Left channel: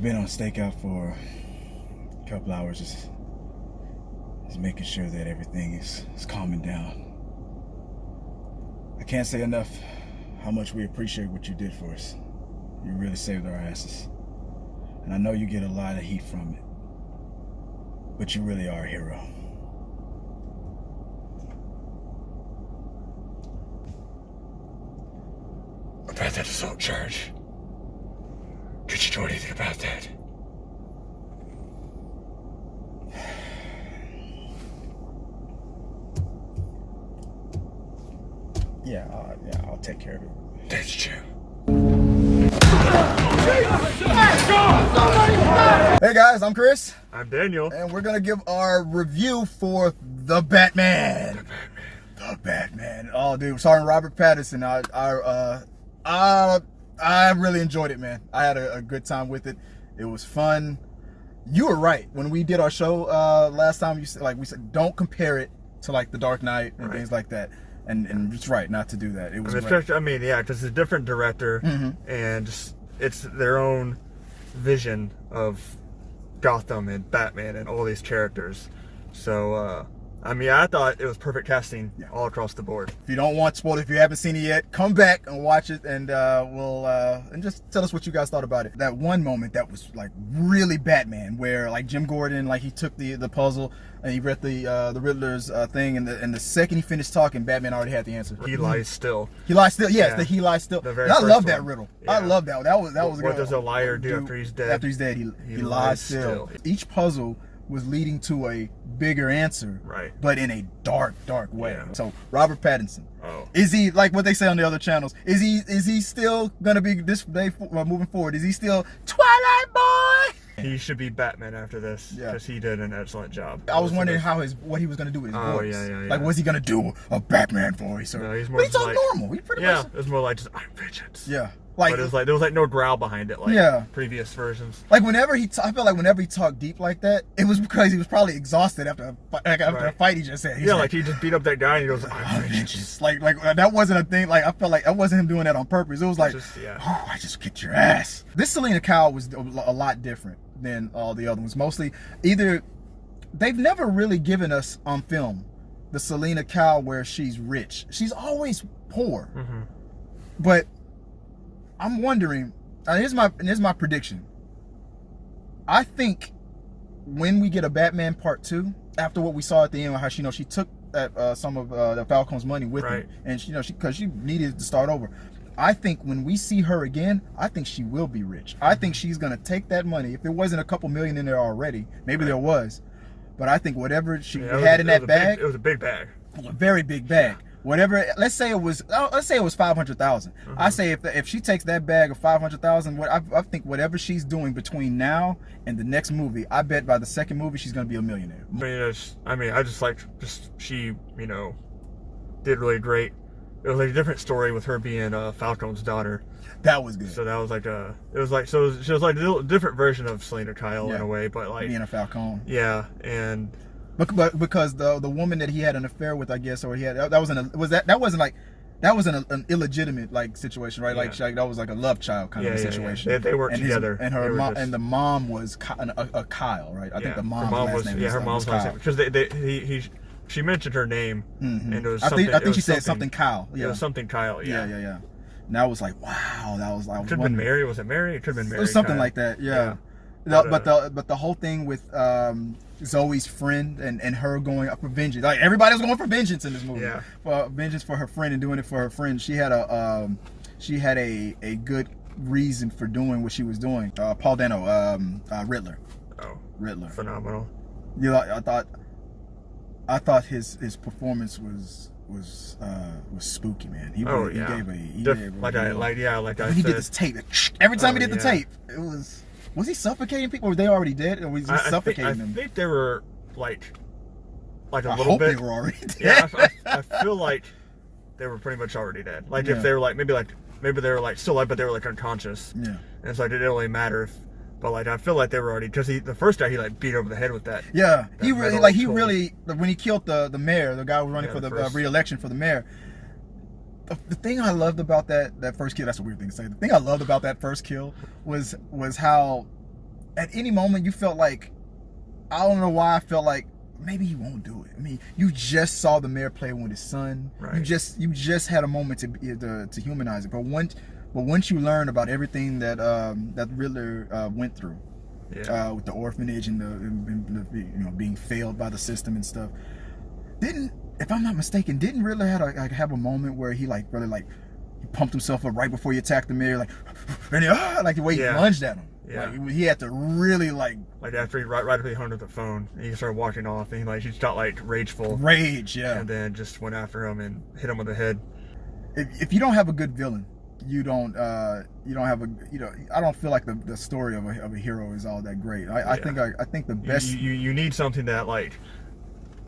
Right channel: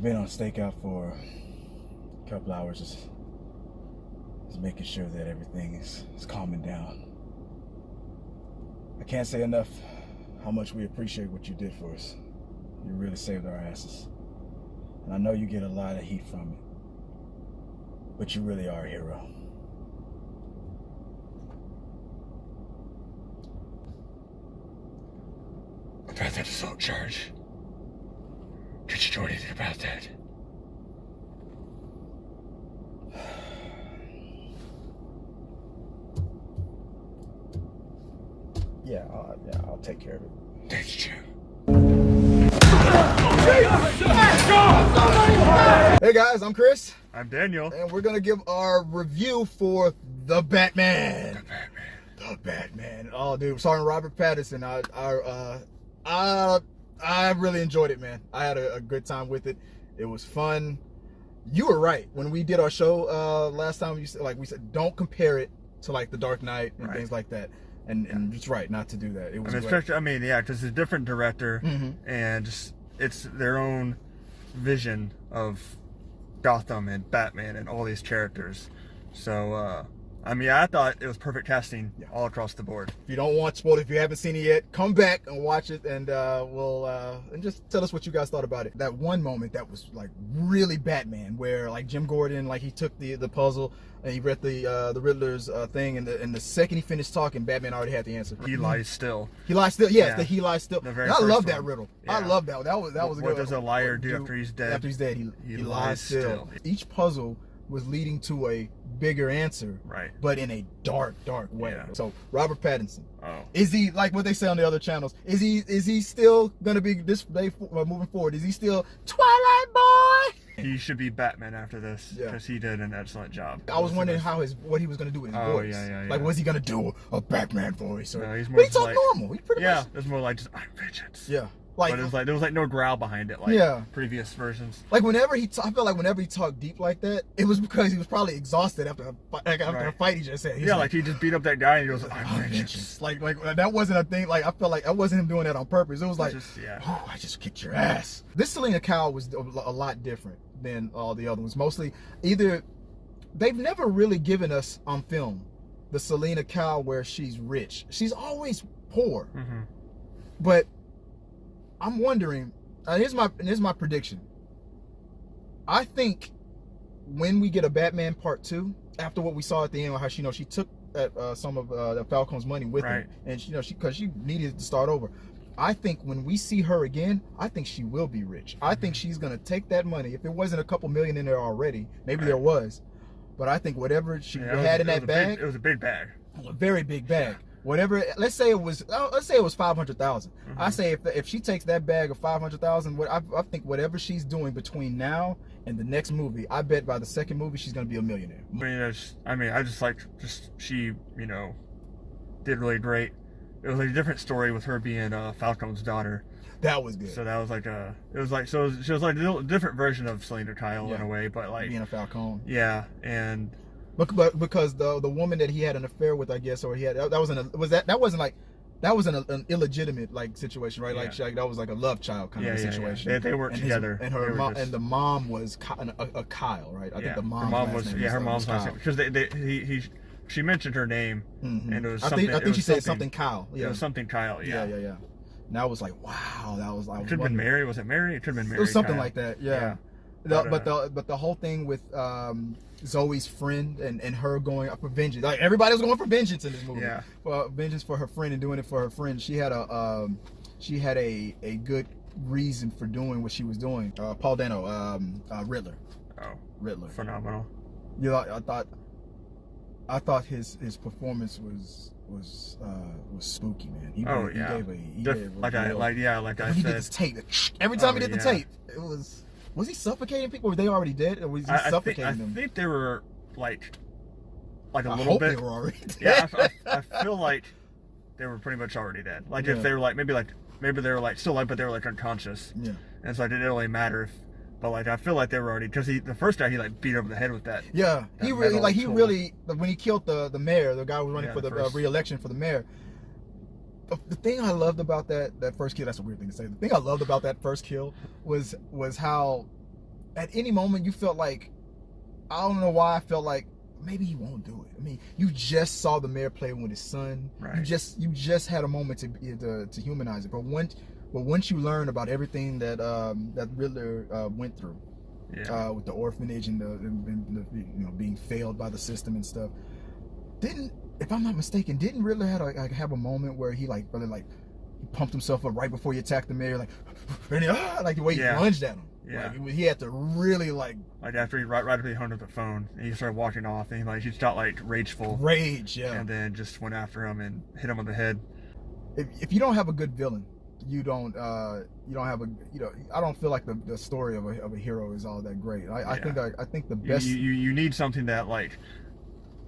I've been on Stakeout for a couple hours, just making sure that everything is calming down. I can't say enough how much we appreciate what you did for us. You really saved our asses. And I know you get a lot of heat from it, but you really are a hero. About that assault charge. Did you know anything about that? Yeah, I'll take care of it. That's true. Hey guys, I'm Chris. I'm Daniel. And we're gonna give our review for The Batman. The Batman. Oh, dude, starring Robert Pattinson. I really enjoyed it, man. I had a good time with it. It was fun. You were right when we did our show last time. We said don't compare it to like The Dark Knight and things like that. And it's right not to do that. It was great. Just a different director, and it's their own vision of Gotham and Batman and all these characters. So, I thought it was perfect casting all across the board. If you don't want spoiled, if you haven't seen it yet, come back and watch it, and and just tell us what you guys thought about it. That one moment that was like really Batman, where like Jim Gordan, like he took the puzzle and he read the Riddler's thing, and the second he finished talking, Batman already had the answer. He lies still. He lies still. Yes, the he lies still. And I love that riddle. Yeah. I love that. That was good. What does a liar do after he's dead? After he's dead, he lies still. Each puzzle was leading to a bigger answer, right? But in a dark way. Yeah. So Robert Pattinson, is he like what they say on the other channels? Is he still gonna be this day moving forward? Is he still Twilight Boy? He should be Batman after this because he did an excellent job. I was wondering what he was gonna do with his voice. Yeah. Like, was he gonna do a Batman voice? No, he's more but he talked normal. He pretty much. It was more like just I'm vengeance. Yeah. But it was like there was like no growl behind it like previous versions. Like whenever I felt like whenever he talked deep like that, it was because he was probably exhausted after a fight he just had. Like he just beat up that guy and he goes, I'm vengeance. Like that wasn't a thing. Like I felt like that wasn't him doing that on purpose. It was like, I just kicked your ass. This Selina Kyle was a lot different than all the other ones. Mostly, they've never really given us on film the Selina Kyle where she's rich. She's always poor. But I'm wondering, here's my prediction. I think when we get a Batman Part 2, after what we saw at the end, how she took some of Falcone's money with her, and because she needed to start over. I think when we see her again, I think she will be rich. I think she's gonna take that money. If there wasn't a couple million in there already, maybe there was, but I think whatever she had in that bag, it was a big bag, a very big bag. Whatever, let's say it was 500,000. I say if she takes that bag of 500,000, I think whatever she's doing between now and the next movie, I bet by the second movie she's gonna be a millionaire. I just liked she did really great. It was like a different story with her being Falcone's daughter. That was good. So that was she was like a different version of Selina Kyle in a way, but like being a Falcone. Yeah, and. But because the woman that he had an affair with, I guess, or that wasn't an illegitimate like situation, right? Like that was like a love child kind of a situation. Yeah. They weren't together, and her mom and the mom was a Kyle, right? I think the mom's last name her mom's last name because she mentioned her name, and it was I think she said something Kyle. Yeah, it was something Kyle. Yeah. And I was like, wow, that was like. It could have been Mary. Was it Mary? It could have been Mary. It was something like that. Yeah. But the whole thing with Zoe's friend and her going up for vengeance, like everybody was going for vengeance in this movie. Yeah, for vengeance for her friend and doing it for her friend. She had a good reason for doing what she was doing. Paul Dano, Riddler. Oh, Riddler, phenomenal. I thought his performance was spooky, man. He gave when he did this tape. Every time he did the tape, it was. Was he suffocating people, or were they already dead, or was he suffocating them? I think they were like a little bit. I hope they were already dead. Yeah, I feel like they were pretty much already dead. Like if they were like maybe they were like still alive, but they were like unconscious. Yeah. And so it didn't really matter if. But like I feel like they were already because the first guy he like beat over the head with that. Yeah, he really when he killed the mayor, the guy who was running for the re-election for the mayor. The thing I loved about that first kill, that's a weird thing to say. The thing I loved about that first kill was how at any moment you felt like, I don't know why I felt like maybe he won't do it. I mean, you just saw the mayor play with his son. Right. You just had a moment to humanize it. But once you learn about everything that that Riddler went through, with the orphanage and the being failed by the system and stuff, if I'm not mistaken, didn't Riddler have a moment where he really he pumped himself up right before he attacked the mayor, like the way he lunged at him. Yeah. Like, he had to really right after he hung up the phone, and he started walking off, and he just got rageful. Rage, yeah. And then just went after him and hit him on the head. If you don't have a good villain, you don't have I don't feel like the story of a hero is all that great. I think the best you need something that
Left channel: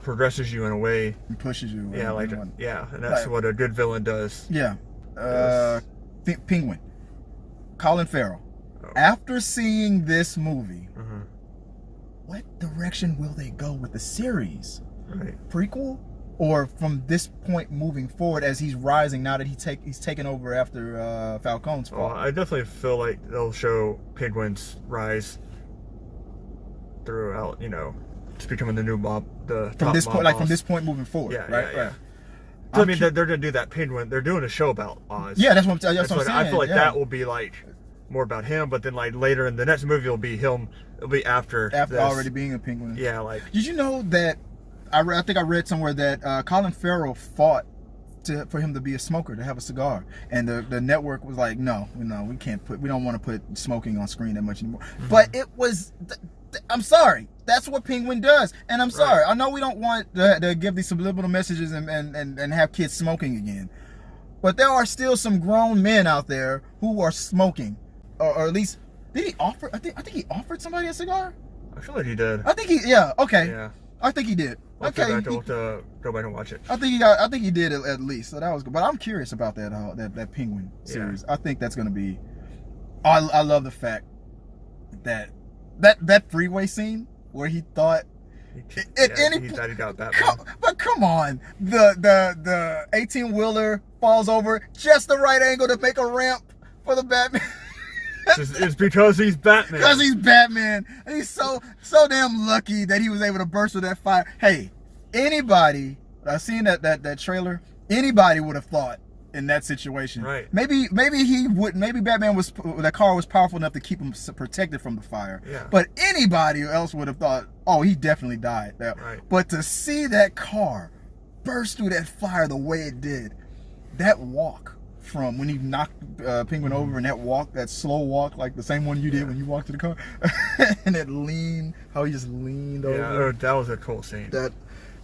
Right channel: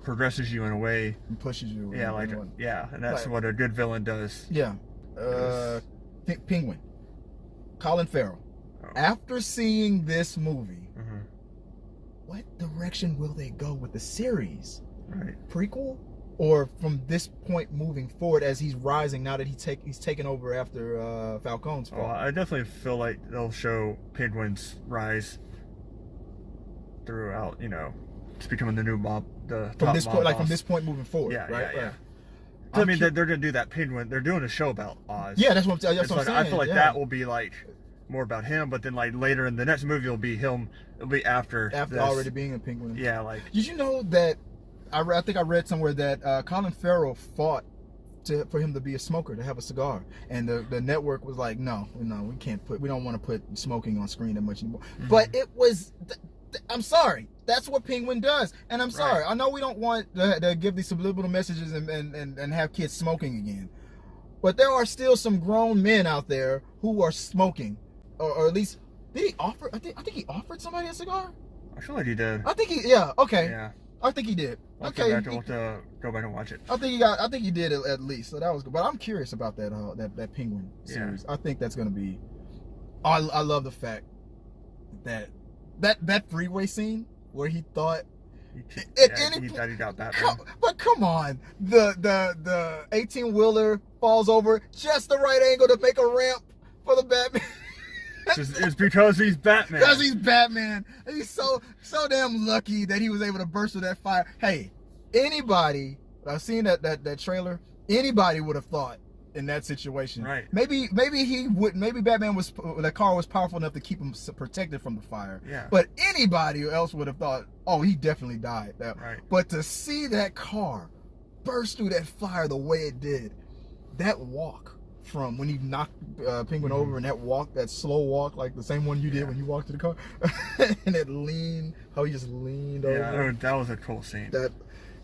progresses you in a way, and pushes you. And that's what a good villain does. Yeah. Penguin, Colin Farrell. After seeing this movie, what direction will they go with the series? Right. Prequel, or from this point moving forward as he's rising now that he's taken over after Falcone's fall? Well, I definitely feel like they'll show Penguin's rise throughout. Just becoming the new mob. From this point moving forward. Yeah. I mean, they're gonna do that Penguin. They're doing a show about Oz. Yeah, that's what I'm saying. I feel like that will be more about him, but then later in the next movie it'll be him. It'll be after this. Already being a penguin. Yeah, Did you know that? I think I read somewhere that Colin Farrell fought for him to be a smoker, to have a cigar, and the network was like, no, we don't want to put smoking on screen that much anymore. But it was. I'm sorry. That's what Penguin does, and I'm sorry. I know we don't want to give these subliminal messages and have kids smoking again, but there are still some grown men out there who are smoking. Or at least, did he offer? I think he offered somebody a cigar. I feel like he did. I think he. Yeah. Okay. Yeah. I think he did. I'll go back and watch it. I think he did at least. So that was good. But I'm curious about that Penguin series. I think that's gonna be. I love the fact that freeway scene where he thought. He got Batman. But come on, the 18-wheeler falls over just the right angle to make a ramp for the Batman. It's because he's Batman. Because he's Batman. He's so damn lucky that he was able to burst through that fire. Hey, anybody, I've seen that trailer, anybody would have thought in that situation. Right. Maybe Batman that car was powerful enough to keep him protected from the fire. Yeah. But anybody else would have thought, oh, he definitely died. Right. But to see that car burst through that fire the way it did, that walk from when he knocked Penguin over, and that slow walk, like the same one you did when you walked to the car, and that lean, how he just leaned over. Yeah, that was a cool scene.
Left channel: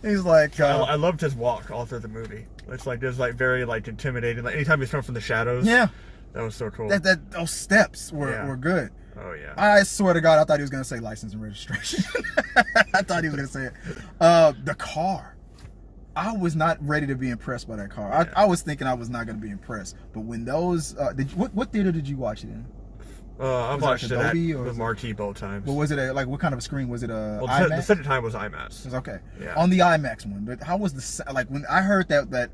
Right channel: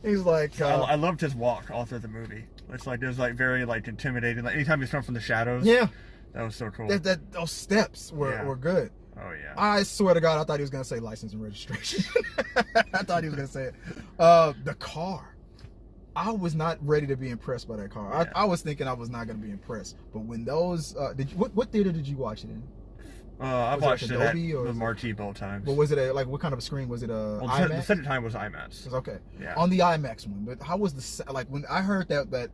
He's like, I loved his walk all through the movie. It's it was very intimidating. Anytime he's come from the shadows. Yeah, that was so cool. Those steps were good. Oh yeah. I swear to God, I thought he was gonna say license and registration. I thought he was gonna say it. The car. I was not ready to be impressed by that car. Yeah. I was thinking I was not going to be impressed. But when those, what theater did you watch it in? I watched it at the Marquee both times. Well, was it what kind of a screen? Was it IMAX? The second time was IMAX. Okay. Yeah. On the IMAX one, but how was when I heard that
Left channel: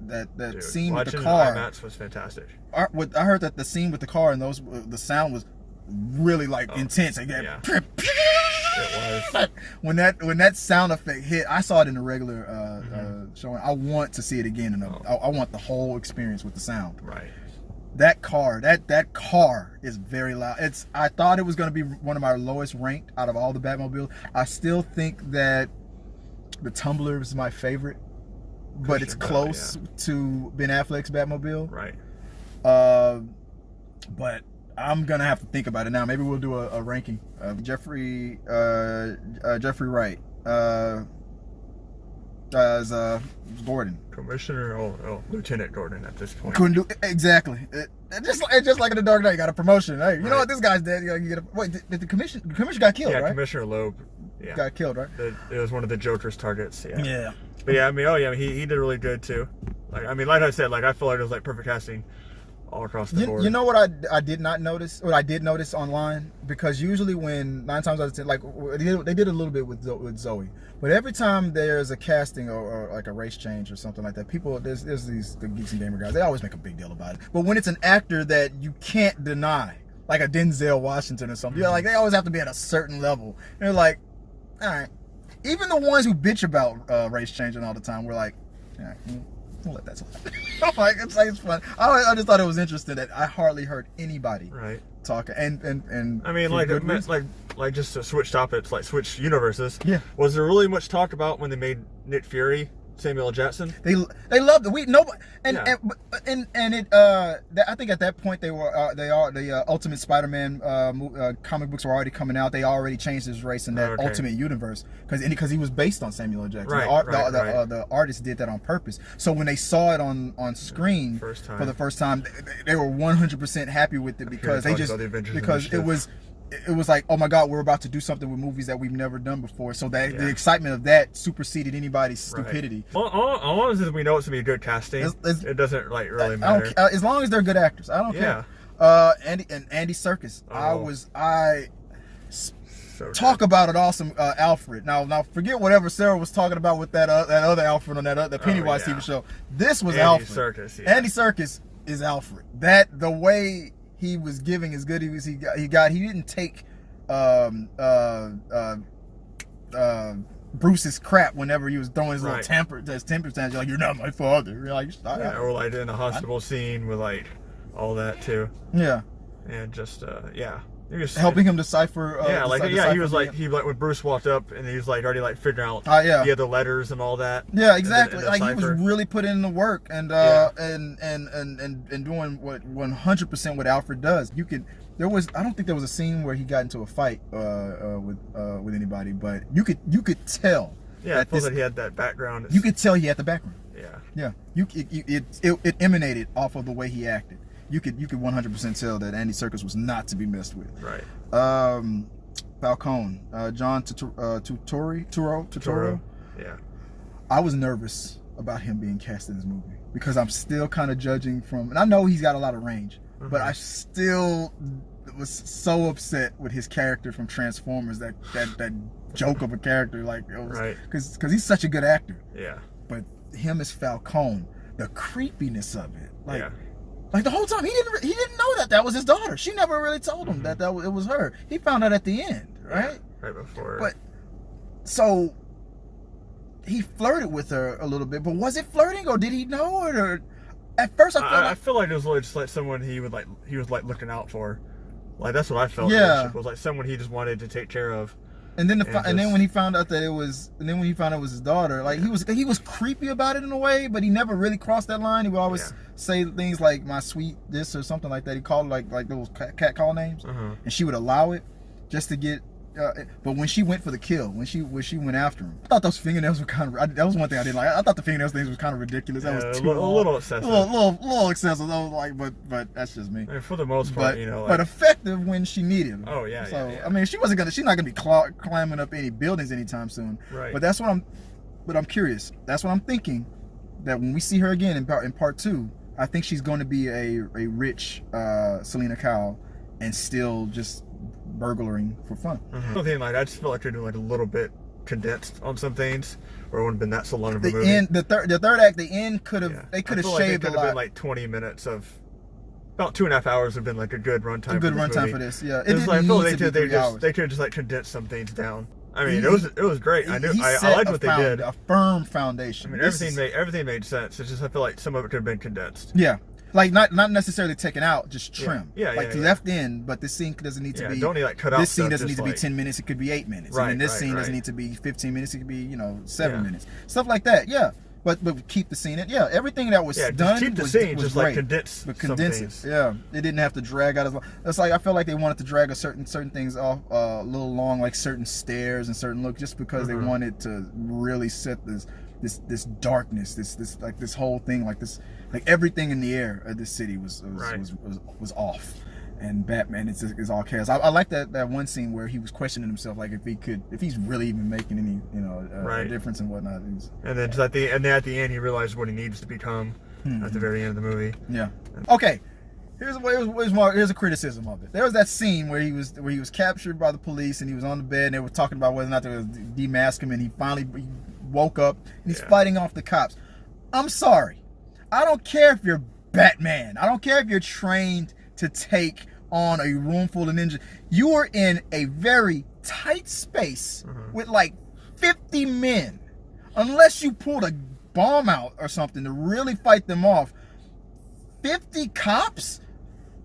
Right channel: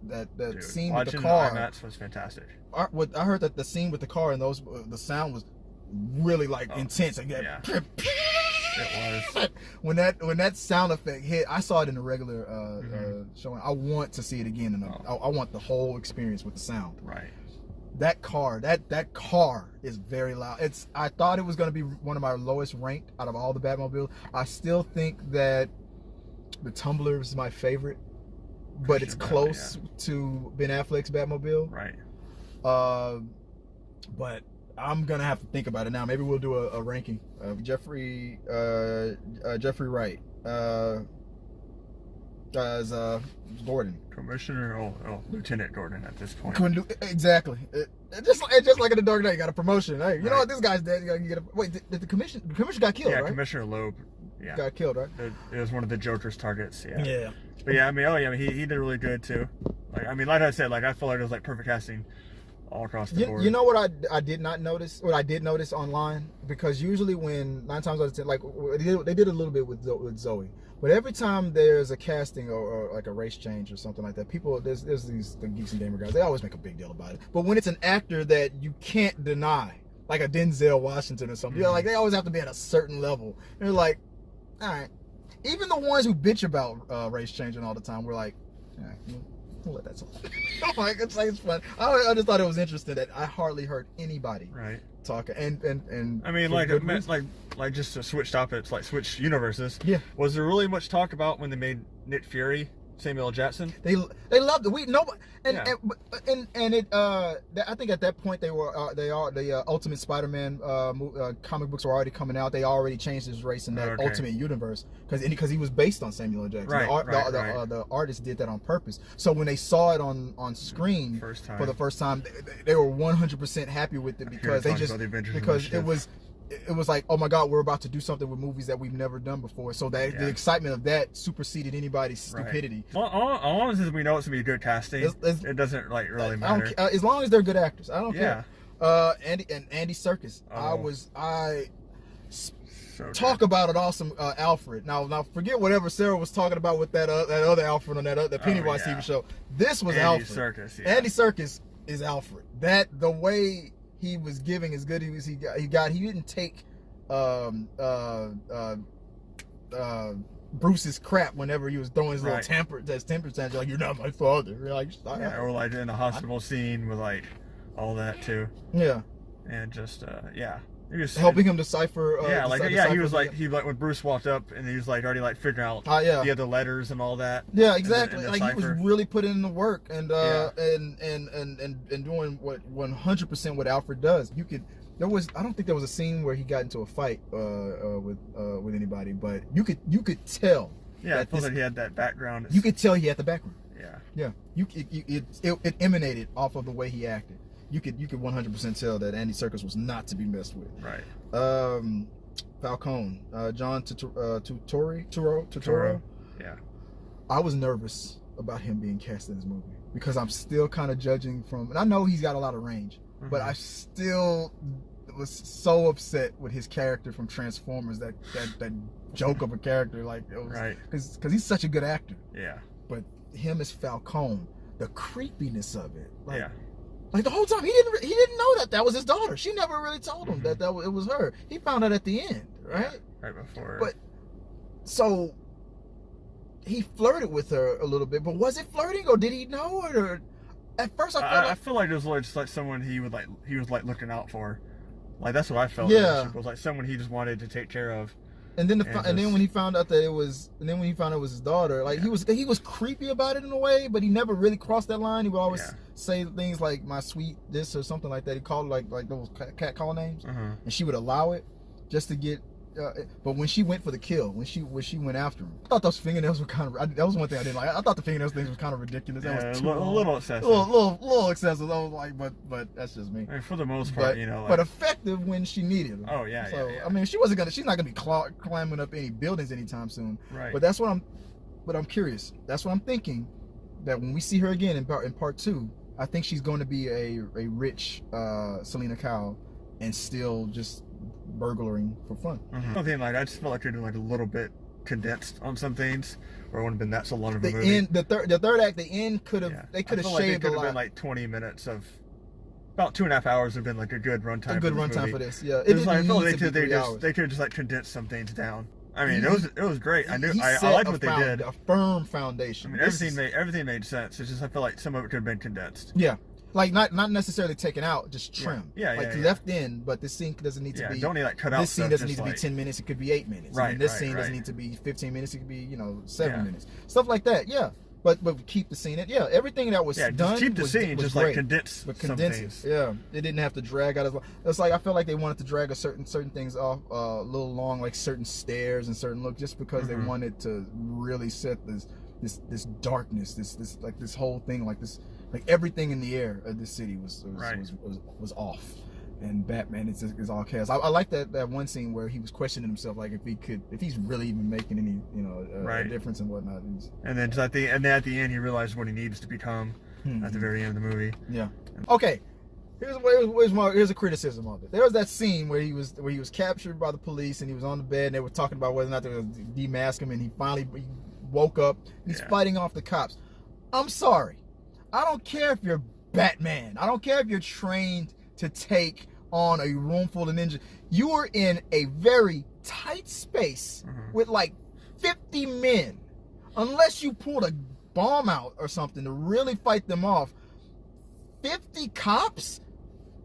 scene with the car? IMAX was fantastic. I heard that the scene with the car and the sound was really intense. Yeah. It was. When that sound effect hit, I saw it in the regular showing. I want to see it again, and I want the whole experience with the sound. Right. That car is very loud. I thought it was going to be one of my lowest ranked out of all the Batmobiles. I still think that the Tumbler is my favorite, but it's close to Ben Affleck's Batmobile. Right. But I'm gonna have to think about it now. Maybe we'll do a ranking. Jeffrey Wright as Gordan. Commissioner, Lieutenant Gordan at this point. Couldn't do exactly. Just like in the Dark Knight, you got a promotion. Hey, you know what? This guy's dead. You get a. Wait, did the commissioner got killed? Yeah, right? Commissioner Loeb. Yeah. Got killed, right? It was one of the Joker's targets. Yeah. Yeah. But yeah, he did really good too. Like I said, I feel like it was perfect casting all across the board. You know what I did not notice, or I did notice online, because usually when 9 times out of 10, they did a little bit with Zoe, but every time there's a casting or like a race change or something like that, there's the Geeks and Gamer guys, they always make a big deal about it. But when it's an actor that you can't deny like a Denzel Washington or something. You know, like they always have to be at a certain level. They're like, all right. Even the ones who bitch about race changing all the time, we're like, all right, we'll let that slide. Like it's fun. I just thought it was interesting that I hardly heard anybody talk. And I mean, like just to switch topics, like switch universes. Yeah. Was there really much talk about when they made Nick Fury Samuel L. Jackson? They loved it. Nobody and it I think at that point the Ultimate Spider-Man comic books were already coming out. They already changed his race in that Ultimate Universe because he was based on Samuel L. Jackson. The artist did that on purpose. So when they saw it on screen for the first time, they were 100% happy with it because it was like, oh my God, we're about to do something with movies that we've never done before. So that the excitement of that superseded anybody's stupidity. Well, all long as we know it's gonna be good casting, it doesn't like really matter. As long as they're good actors, I don't care. Andy Serkis, talk about an awesome Alfred. Now forget whatever Sarah was talking about with that other Alfred on that Pennywise TV show. This was Alfred. Serkis, Andy Serkis is Alfred. That the way he was giving as good as he got. He didn't take Bruce's crap whenever he was throwing his little temper tantrum. Like, you're not my father. You're like, or like in the hospital scene with like all that too. Yeah. And just helping him decipher. He was like when Bruce walked up and he was like already like figuring out the other letters and all that. Yeah, exactly. And like he was really putting in the work and doing what 100% what Alfred does. I don't think there was a scene where he got into a fight with anybody, but you could tell. Yeah, I thought that he had that background. You could tell he had the background. Yeah. Yeah. It emanated off of the way he acted. You could 100% tell that Andy Serkis was not to be messed with. Right. Falcone, John Turturro. Yeah. I was nervous about him being cast in this movie because I'm still kind of judging from, and I know he's got a lot of range, but I still was so upset with his character from Transformers. That joke of a character, like it was, because he's such a good actor. Yeah. But him as Falcone, the creepiness of it, like the whole time he didn't know that was his daughter. She never really told him that it was her. He found out at the end, right? Yeah, right before. But so he flirted with her a little bit, but was it flirting or did he know it? Or at first I feel like it was just like someone he was like looking out for. Like that's what I felt. Yeah. It was like someone he just wanted to take care of. And then when he found out it was his daughter, like he was creepy about it in a way, but he never really crossed that line. He would always say things like "my sweet this" or something like that. He called it like those cat call names, and she would allow it just to get. But when she went for the kill, when she went after him, I thought those fingernails were kind of. That was one thing I didn't like. I thought the fingernails things was kind of ridiculous. That was a little excessive. A little excessive. I was like, but that's just me. And for the most part, but effective when she needed him. Oh yeah. So yeah. I mean, she's not gonna be climbing up any buildings anytime soon. Right. But I'm curious. That's what I'm thinking. That when we see her again in part 2, I think she's going to be a rich Selina Kyle, and still just burglaring for fun. I just feel like they're doing like a little bit condensed on some things, or it wouldn't have been that so long of a movie. The third act, the end could have shaved a lot. Been like 20 minutes of about 2.5 hours would have been like a good runtime. A good runtime for this, yeah. It didn't need to be 3 hours. They could just like condense some things down. I mean, it was great. I liked what they did. A firm foundation. I mean, everything made sense. It's just I feel like some of it could have been condensed. Yeah. Like not necessarily taken out, just trim. Left in, but this scene doesn't need to be. Don't need like cut out. This scene doesn't need to be 10 minutes. It could be 8 minutes. And this scene doesn't need to be 15 minutes. It could be 7 minutes. Stuff like that. Yeah. But keep the scene. Yeah. Everything that was done. Keep the was, scene. was just great. like condense. But condense it. Yeah. It didn't have to drag out as long. It's like I feel like they wanted to drag certain things off a little long, like certain stairs and certain look, just because they wanted to really set this darkness, this whole thing, like everything in the air of the city was off, and Batman is all chaos. I like that one scene where he was questioning himself, like if he's really even making any difference and whatnot. And then at the end he realized what he needs to become at the very end of the movie. Yeah. Okay. Here's a criticism of it. There was that scene where he was captured by the police and he was on the bed and they were talking about whether or not they would demask him, and he finally woke up and he's fighting off the cops. I'm sorry. I don't care if you're Batman. I don't care if you're trained to take on a room full of ninjas. You are in a very tight space with like 50 men. Unless you pulled a bomb out or something to really fight them off, 50 cops?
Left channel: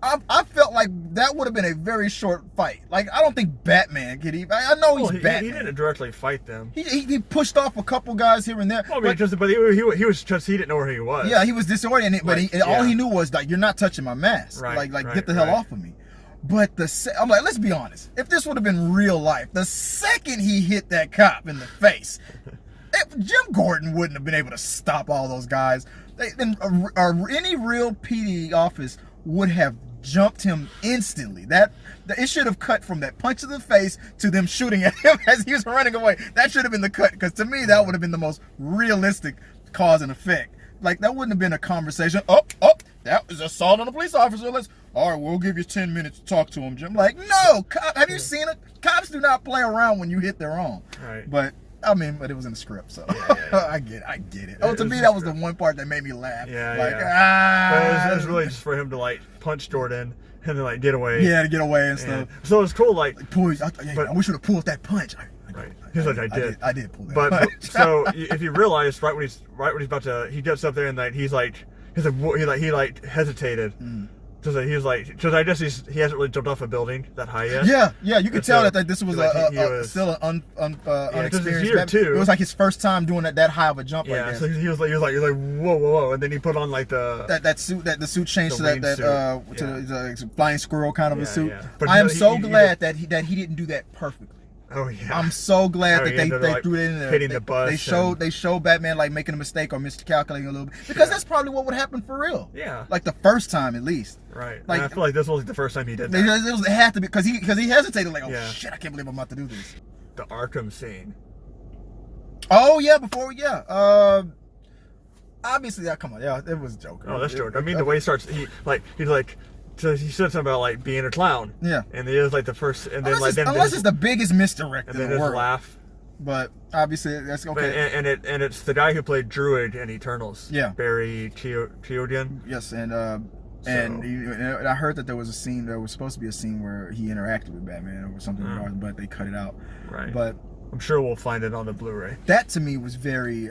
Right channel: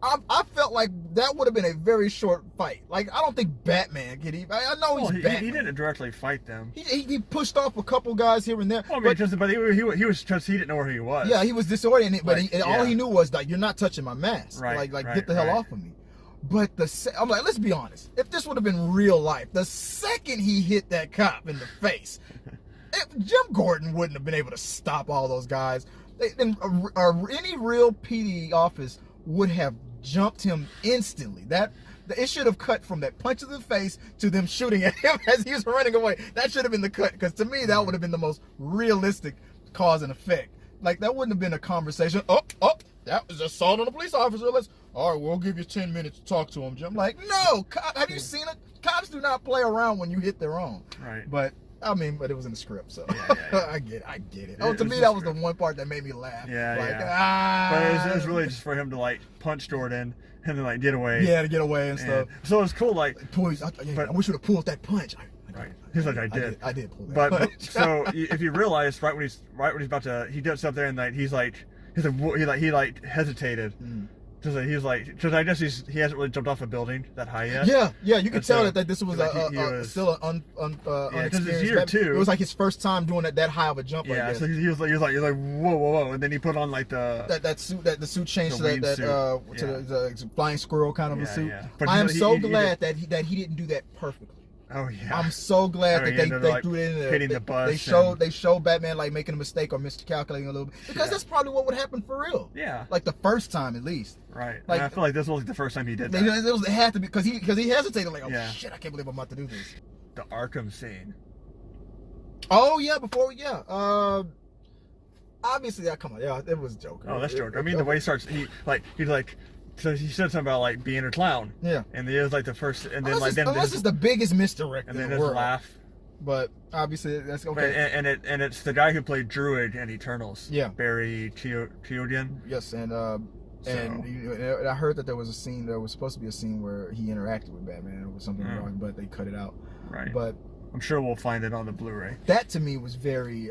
I felt like that would have been a very short fight. Like, I don't think Batman could even. I know he's Batman. He didn't directly fight them. He pushed off a couple guys here and there. Well, I mean, but he was just, he didn't know where he was. Yeah, he was disoriented, but all he knew was like, you're not touching my mask. Like get the hell off of me. But I'm like, let's be honest. If this would have been real life, the second he hit that cop in the face, Jim Gordan wouldn't have been able to stop all those guys. Any real PD office would have jumped him instantly. It should have cut from that punch in the face to them shooting at him as he was running away. That should have been the cut, because to me that would have been the most realistic cause and effect. Like, that wouldn't have been a conversation. That was assault on a police officer. All right, we'll give you 10 minutes to talk to him, Jim. Like, no, have you seen it? Cops do not play around when you hit their own. Right. But it was in the script, so I get it. To me, that was the one part that made me laugh. But it was really just for him to like punch Jordan and then like get away. Yeah, to get away and stuff. So it was cool, like, I wish you would have pulled that punch. He's like, I did pull that punch. So if you realize right when he's about to, he does something and like he hesitated. Because I guess he hasn't really jumped off a building that high yet. Yeah, you could tell that this was still an unexperienced. Year too. It was like his first time doing that high of a jump. Yeah, so he was like whoa, and then he put on like the suit changed to the flying squirrel kind of a suit. Yeah. I am so glad that he didn't do that perfectly. Oh yeah. I'm so glad that they threw it in there. Hitting the bus. They showed Batman like making a mistake or miscalculating a little bit, because that's probably what would happen for real. Yeah. Like the first time at least. Right. Like, I feel like this was the first time he did that. It had to be because he hesitated like, shit, I can't believe I'm about to do this. The Arkham scene. Oh yeah, obviously, come on, it was Joker. Oh, that's Joker. I mean, the way he starts, so he said something about like being a clown. Yeah. And it was like the first, and then unless it's the biggest misdirect in the world. And then his laugh. But obviously that's okay. And it's the guy who played Druid in Eternals. Yeah. Barry Keoghan. Yes, and I heard that there was supposed to be a scene where he interacted with Batman or something, but they cut it out. Right. But I'm sure we'll find it on the Blu-ray. That to me was very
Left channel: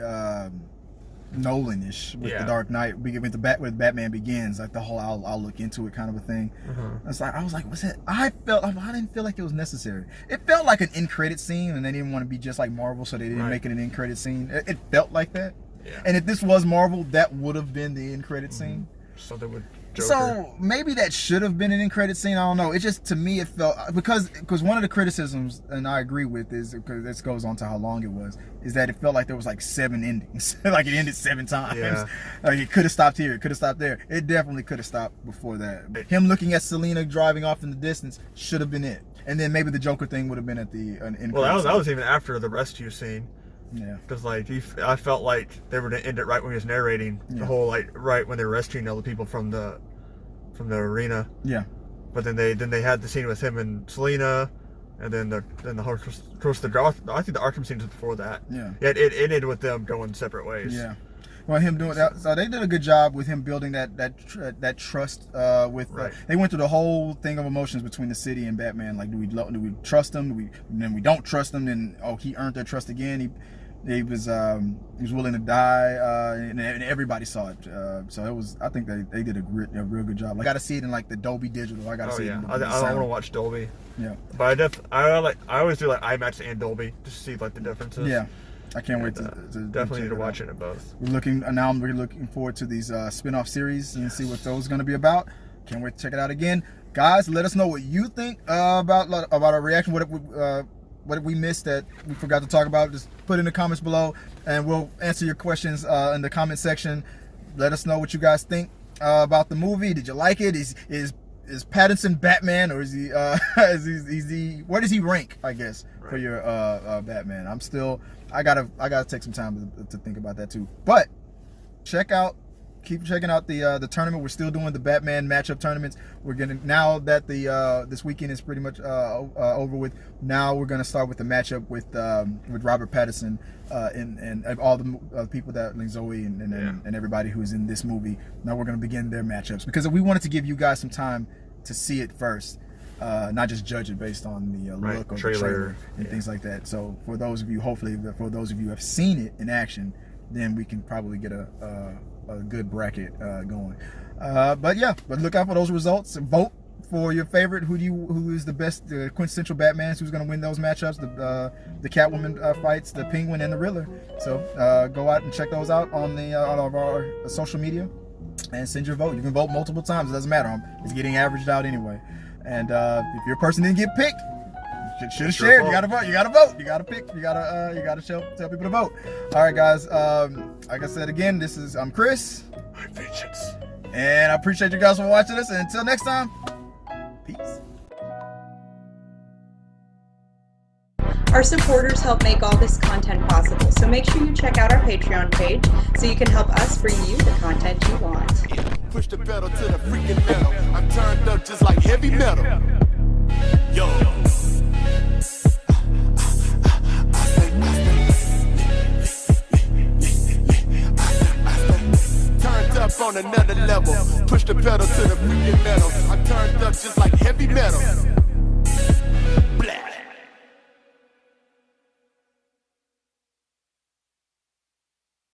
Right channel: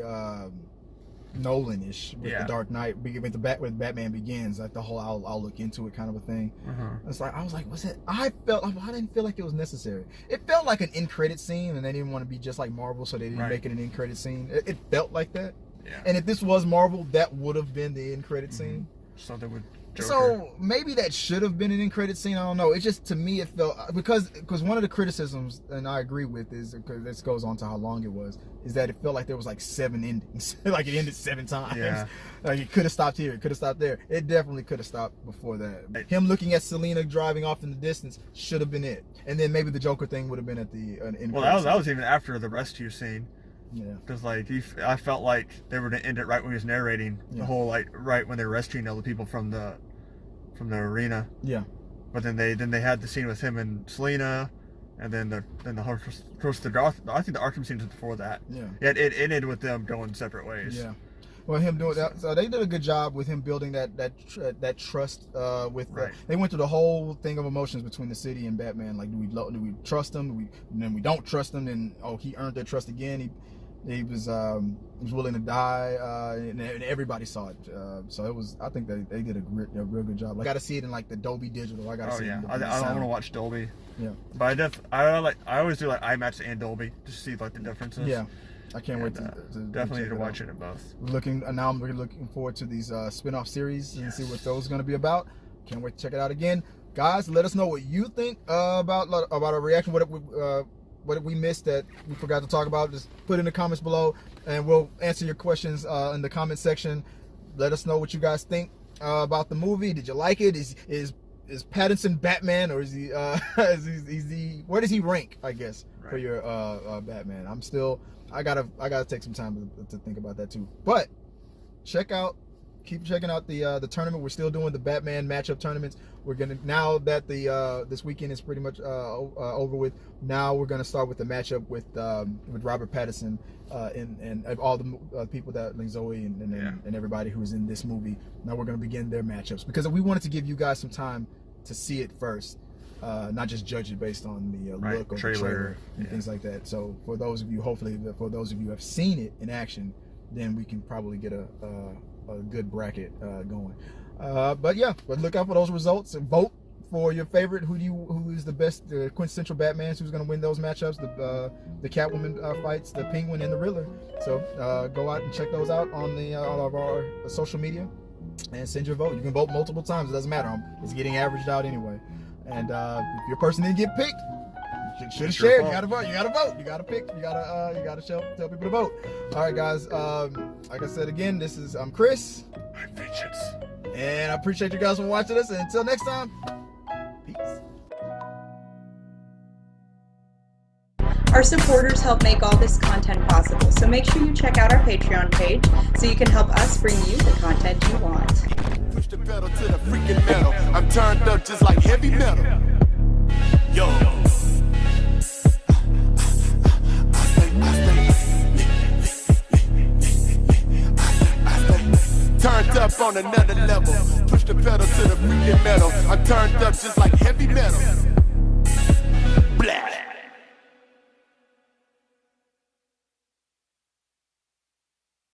Nolan-ish with the Dark Knight, with Batman Begins, like the whole I'll look into it kind of a thing. I was like, what's that? I didn't feel like it was necessary. It felt like an end-credit scene, and they didn't want to be just like Marvel, so they didn't make it an end-credit scene. It felt like that. Yeah. And if this was Marvel, that would have been the end-credit scene. So they would. Joker. So maybe that should have been an end credit scene. I don't know. It just, to me, it felt, because one of the criticisms, and I agree with, is because this goes on to how long it was, is that it felt like there was like 7 endings. Like it ended 7 times. Yeah. Like it could have stopped here. It could have stopped there. It definitely could have stopped before that. Him looking at Selina driving off in the distance should have been it. And then maybe the Joker thing would have been at the end. Well, that was even after the rescue scene. Yeah. Because I felt like they were gonna end it right when he was narrating the whole right when they were rescuing all the people from the arena. Yeah. But then they had the scene with him and Selina, and then the whole, of course, I think the Arkham scene was before that. Yeah. It ended with them going separate ways. Yeah. Well, him doing that, so they did a good job with him building that trust with. They went through the whole thing of emotions between the city and Batman. Like, do we trust him? Then we don't trust him. Then he earned their trust again. He was willing to die, and everybody saw it. So it was. I think they did a real good job. Like, I got to see it in like the Dolby Digital. I got to see it. I don't want to watch Dolby. Yeah. But I always do like IMAX and Dolby to see like the differences. Yeah. I can't wait to definitely need to watch it in both. We're looking forward to these spin-off series and see what those are going to be about. Can't wait to check it out again, guys. Let us know what you think about our reaction. What did we miss that we forgot to talk about? Just put in the comments below, and we'll answer your questions in the comment section. Let us know what you guys think about the movie. Did you like it? Is Pattinson Batman, or is he where does he rank, I guess, for your Batman? I gotta take some time to think about that too. But keep checking out the tournament. We're still doing the Batman matchup tournaments. We're gonna, now that this weekend is pretty much over with, now we're gonna start with the matchup with Robert Pattinson and all the people that, like Zoe and everybody who is in this movie. Now we're gonna begin their matchups, because we wanted to give you guys some time to see it first, not just judge it based on the look of the trailer trailer and things like that. So for those of you, hopefully for those of you who have seen it in action, then we can probably get a good bracket going. But yeah, but look out for those results and vote for your favorite. Who is the best, the quintessential Batman? Who's going to win those matchups? The Catwoman fights, the Penguin and the Riddler. So go out and check those out on our social media and send your vote. You can vote multiple times. It doesn't matter. It's getting averaged out anyway. And if your person didn't get picked, you should have shared. You gotta vote. You gotta vote. You gotta pick. You gotta tell people to vote. All right, guys. Like I said again, I'm Chris. I'm Vengeance. And I appreciate you guys for watching us. And until next time, peace. Our supporters help make all this content possible, so make sure you check out our Patreon page so you can help us bring you the content you want. Push the pedal to the freaking metal. I'm turned up just like heavy metal. Yo. Turned up on another level. Push the pedal to the freaking metal. I'm turned up just like heavy metal.